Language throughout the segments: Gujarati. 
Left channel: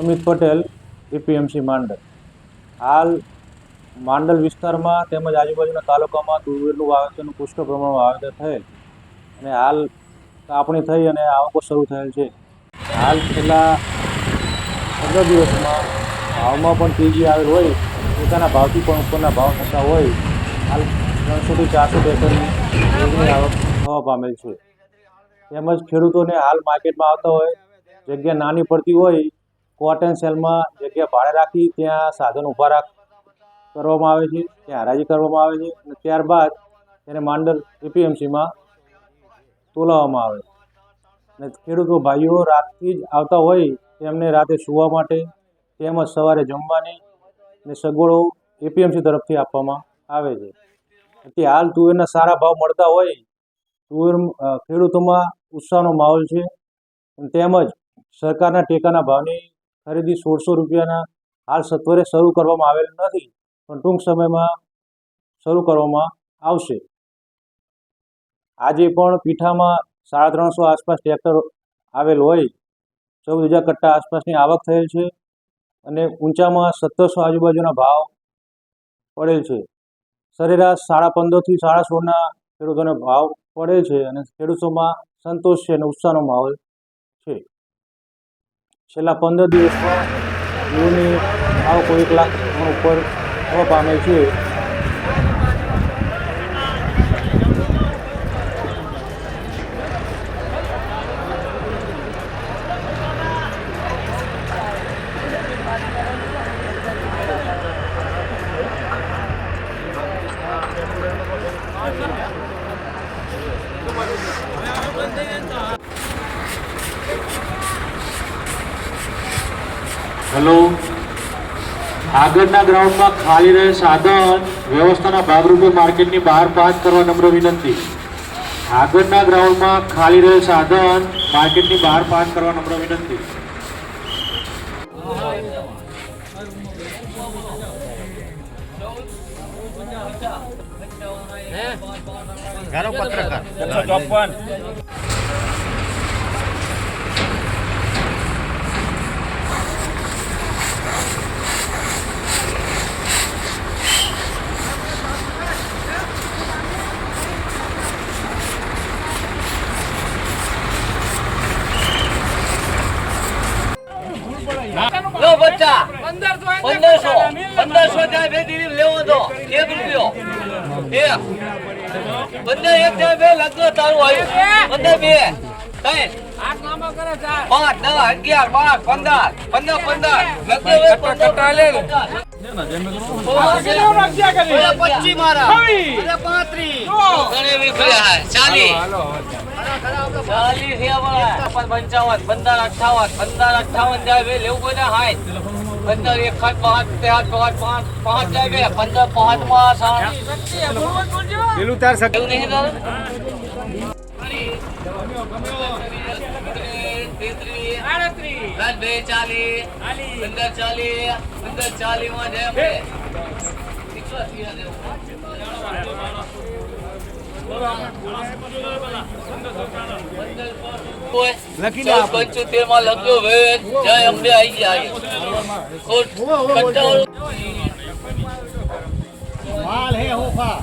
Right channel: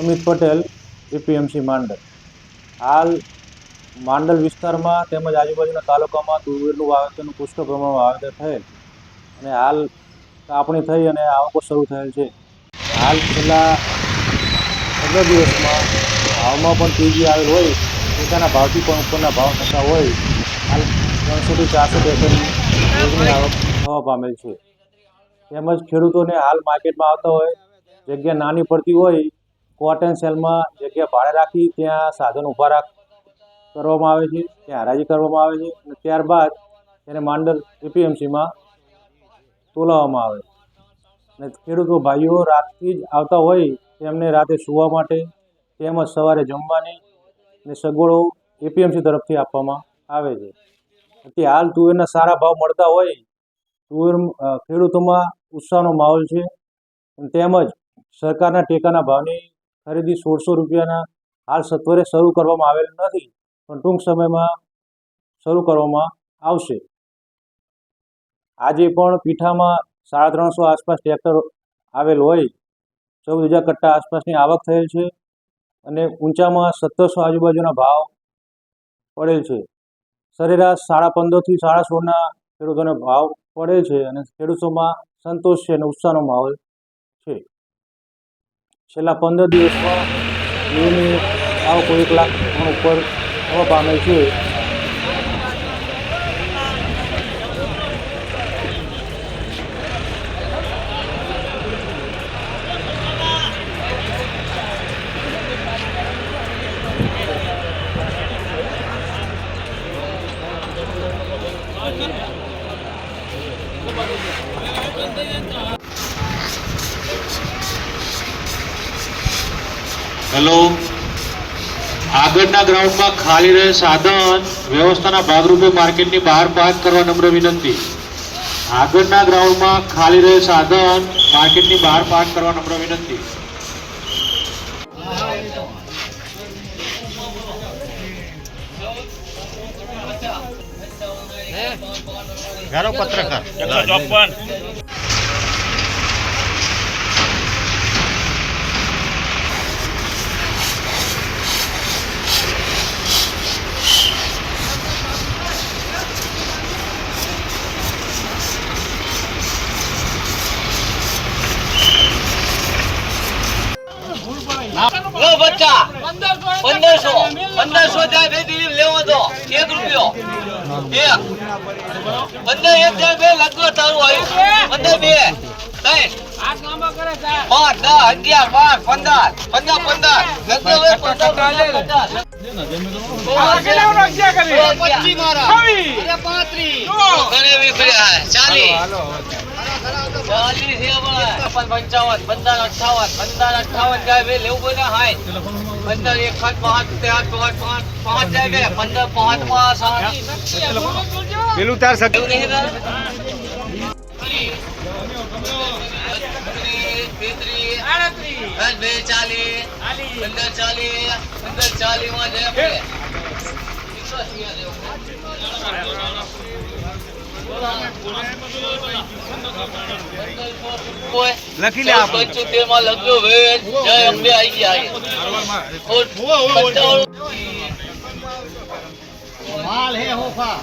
અમિત પટેલ, એપીએમસી માંડલ. હાલ માંડલ વિસ્તારમાં તેમજ આજુબાજુના તાલુકામાં તુવેરનું વાવેતરનું પુષ્કળ પ્રમાણમાં વાવેતર થયેલ અને હાલ કાપણી થઈ અને આવકો શરૂ થયેલ છે. હાલ છેલ્લા પંદર દિવસમાં ભાવમાં પણ તેજી આવેલ હોય, પોતાના ભાવથી પણ ઉપરના ભાવ થતા હોય, હાલ ત્રણસોથી ચારસો ટેકરની રોજની આવક થવા પામેલ છે. તેમજ ખેડૂતોને હાલ માર્કેટમાં આવતા હોય, જગ્યા નાની પડતી હોય કોટન સેલમાં જગ્યા ભાડે રાખી, ત્યાં સાધન ઊભા રાખ, કરવામાં આવે છે, ત્યાં હરાજી કરવામાં આવે છે અને ત્યારબાદ તેને માંડલ એપીએમસીમાં તોલાવવામાં આવે અને ખેડૂતો ભાઈઓ રાતથી જ આવતા હોય તેમને રાતે સૂવા માટે તેમજ સવારે જમવાની અને સગવડો એપીએમસી તરફથી આપવામાં આવે છે. અત્યારે હાલ તુવેરના સારા ભાવ મળતા હોય, તુવેર ખેડૂતોમાં ઉત્સાહનો માહોલ છે તેમજ સરકારના ટેકાના ભાવની ખરીદી સોળસો રૂપિયાના હાલ સત્વરે શરૂ કરવામાં આવેલ નથી, પણ ટૂંક સમયમાં શરૂ કરવામાં આવશે. આજે પણ પીઠામાં સાડા ત્રણસો આસપાસ ટ્રેક્ટર આવેલ હોય ચૌદ હજાર કટ્ટા આસપાસની આવક થયેલ છે અને ઊંચામાં સત્તરસો આજુબાજુના ભાવ પડેલ છે. સરેરાશ સાડા પંદરથી સાડા સોળના ખેડૂતોને ભાવ પડે છે અને ખેડૂતોમાં સંતોષ છે અને ઉત્સાહનો માહોલ છેલ્લા પંદર દિવસમાં જીઓની આવકો એક લાખ પણ ઉપર થવા પામે છે. હેલો. આગળના ગ્રાઉન્ડમાં ખાલી રહે સાધન વ્યવસ્થાના ભાગરૂપે માર્કેટની બહાર પાસ કરવા નમ્ર વિનંતી. આગળના ગ્રાઉન્ડમાં ખાલી રહે સાધન માર્કેટની બહાર પાસ કરવા નમ્ર વિનંતી. એકસો ચોપન. પંદરસો પંદરસો ત્યાં બે લેવો તો, એક રૂપિયો. બે. પંદર એક જાય બે, લગ્ન તારું આવ્યું પંદર બે. ત્રણ. પાંચ, દસ, અગિયાર, બાર, પંદર. પંદર પંદર. ચાલીસ. છે પંચાવન, પંદર અઠાવન પંદર અઠાવન જાય બે, લેવું કોઈ હાય. પંદર એક પાંચ પાંચ પાંચ પાંચ પાંચ પાંચ જાય ગયા પંદર પાંચ સાત પેલું તાર સગ એવું નહીં તાર ચાલીસ પંદર ચાલીસ પંદર ચાલીસમાં જાય. લખી લે આપણે. પંચોતેરમાં લખ્યો વેદ જય અંબે આઈ ગયા માલ હે હોફા.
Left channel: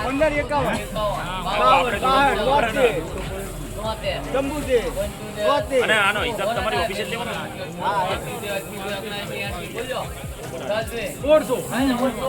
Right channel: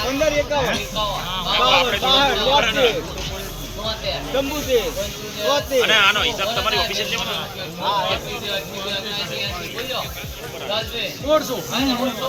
પંદર એકાવન તોતેર અને આનો હિસાબ તમારી ઓફિસે લેવાનો હા બોલ્યો ઓછોમાં લેવાનો